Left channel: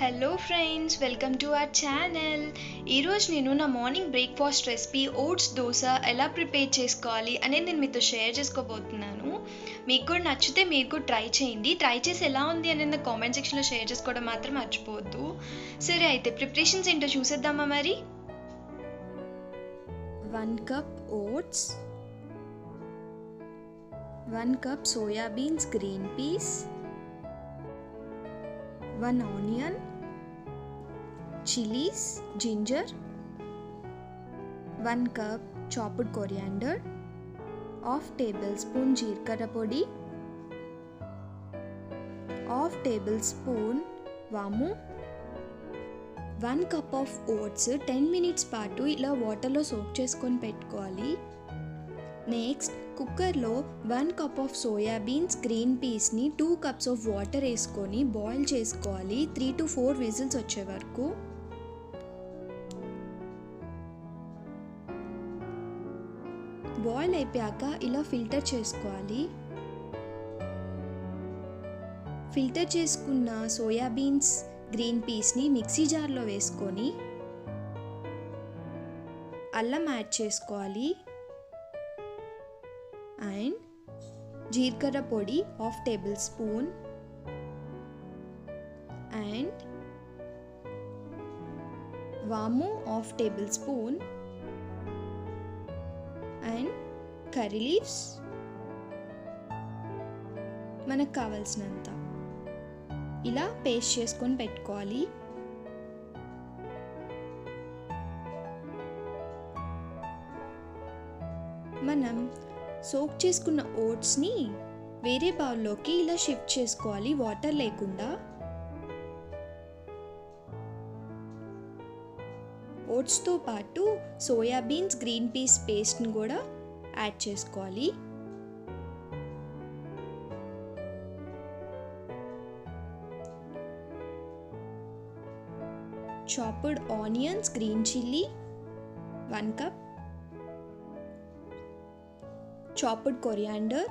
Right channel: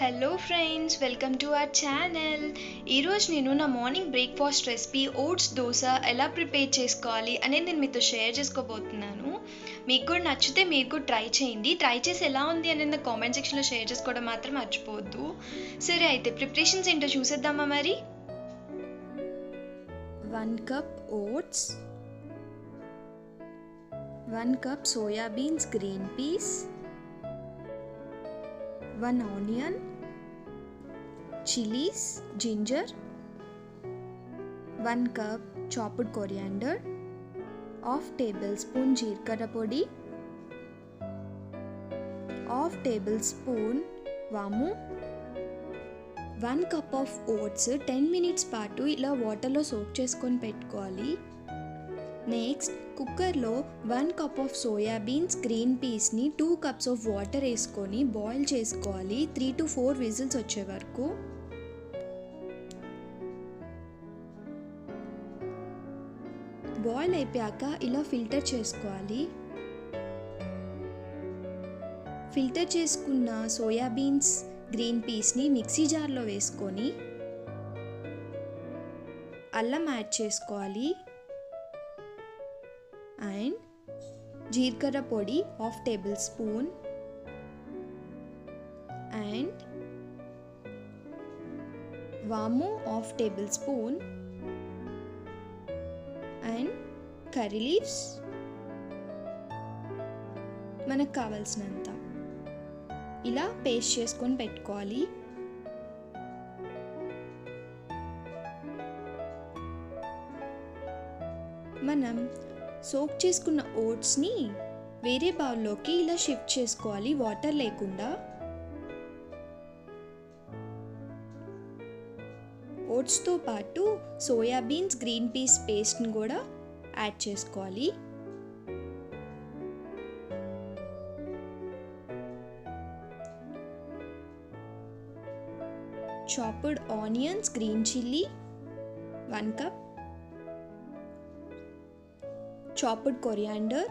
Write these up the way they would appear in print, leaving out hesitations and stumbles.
Hello friends, welcome to our channel. ఈరోజు నేను నా morning breakfast recipe oats dosa ఎలా ప్రిపేర్ చేసుకోవాలి అనేది నేను మీతో షేర్ చేసుకోబోతున్నాను. మీకు కూడా నచ్చితే మీరు కూడా ట్రై చేయండి. ట్రై చేసి ఎలా ఉంది అనేది నా కామెంట్ సెక్షన్లో షేర్ చేసుకోవడం మాత్రం మర్చిపోవద్దు. సరే అయితే ప్రిపరేషన్స్ ఏంటో చూసేద్దామా మరి. 1 cup oats, 1 cup soya beans green peas, 1 onion, chilies, ginger, 1 cup chopped coriander, half tablespoon jeerkara podi, half tablespoon vamu, 1 cup of oats 10 minutes పాటు ఇలా వాటర్లో సోక్ చేసుకొని పెట్టుకోవాలి. నెక్స్ట్ కుక్కర్లో 1 cup of soya beans green పీస్ని 2 cups of water వేసుకొని boil చేసుకోవాలి 3 to 4 whistles వచ్చే వరకు. బాయిల్ అయిపోయాక ఇలా ఫిల్టర్ చేసుకోవాలి. ఫిల్టర్ చేసుకున్న సోయా బీన్స్ గ్రీన్ పీస్ని మిక్సీ జార్లో వేసుకొని అల్లం యాడ్ చేసుకోవాలి అండ్ జీలకర్ర పొడి 1/2 tablespoon అండ్ వాము 1/2 tablespoon అండ్ కర్రీ లీవ్స్ మనకు కావాల్సినంత ఇలా పేస్ట్ చేసుకొని పెట్టుకోవాలి. మనం సోక్ చేసుకున్న ఓట్స్ని వేరే బౌల్లోకి ఇలా షిఫ్ట్ చేసుకోవాలి వాటర్ లేకుండా. ఓట్స్తో పాటు సోయా బీన్స్ గ్రీన్ పీస్ పేస్ట్ని కూడా యాడ్ చేసుకోవాలి. chopped onions, green chilli 1 cup, chopped coriander,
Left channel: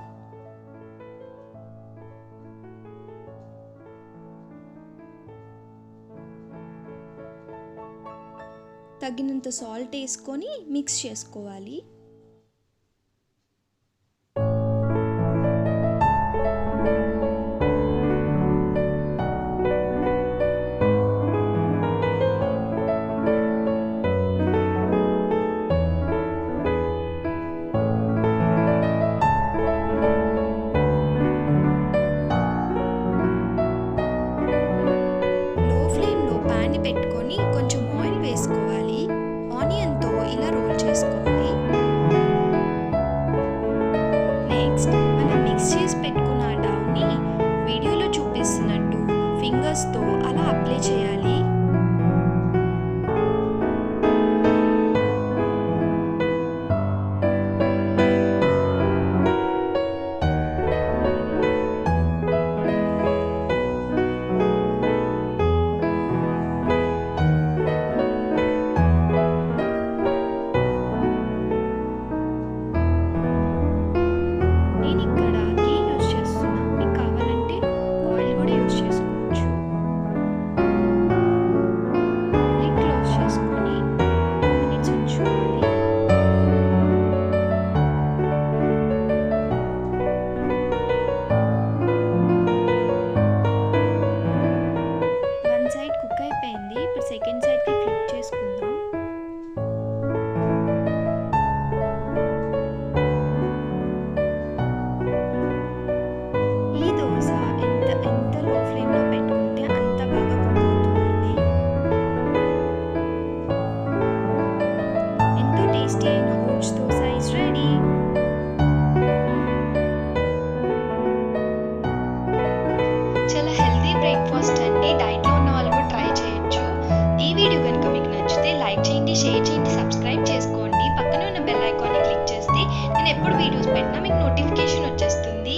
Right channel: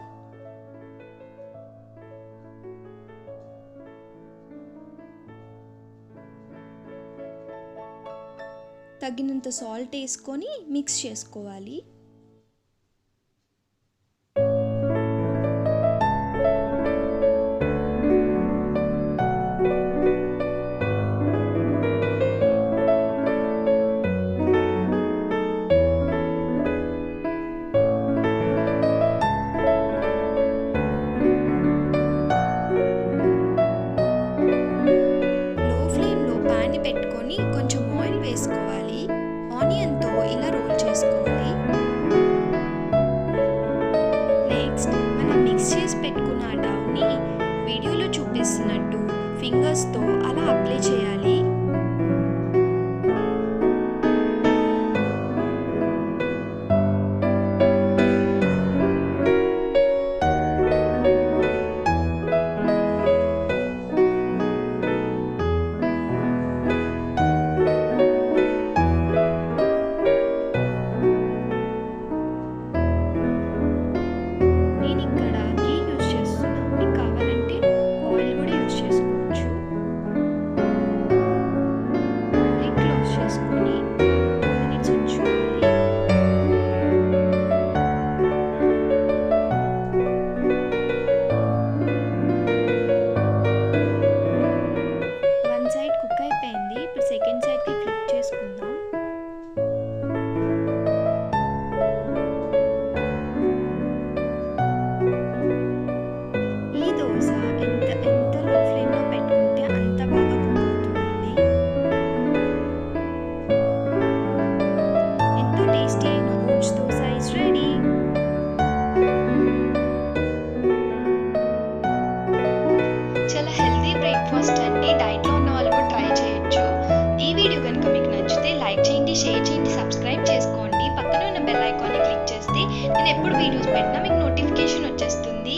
తగినంత సాల్ట్ వేసుకొని మిక్స్ చేసుకోవాలి. పెట్టుకొని కొంచెం ఆయిల్ వేసుకోవాలి. ఆనియన్తో ఇలా రోల్ చేసుకోవాలి. నెక్స్ట్ మనం మిక్స్ చేసి పెట్టుకున్న డౌని వీడియోలో చూపిస్తున్నట్టు ఫింగర్స్తో అలా అప్లై చేయాలి. సైడ్ కుక్ అయిపోయింది. ఇప్పుడు సెకండ్ సైడ్కి ఫ్లిప్ చేసుకుందాం. ఈ దోశ ఎంత లో ఫ్లేమ్లో పెట్టుకుంటే అంత బాగా కుక్ అవుతుందండి. ఎంతో టేస్టీ అయిన ఓట్స్ దోశ ఇస్ రెడీ. చాలా హెల్తీ బ్రేక్ఫాస్ట్ అండి. డైట్లో ఉన్న వాళ్ళు కూడా ట్రై చేయొచ్చు. ఈ వీడియో కనుక మీకు నచ్చితే లైక్ చేయండి, షేర్ చేయండి, సబ్స్క్రైబ్ చేసుకోండి. పక్కనే ఉన్న బెల్ ఐకాన్ని క్లిక్ చేస్తే నేను ఎప్పుడు వీడియోస్ పెట్టినా మీకు నోటిఫికేషన్ వచ్చేస్తుంది.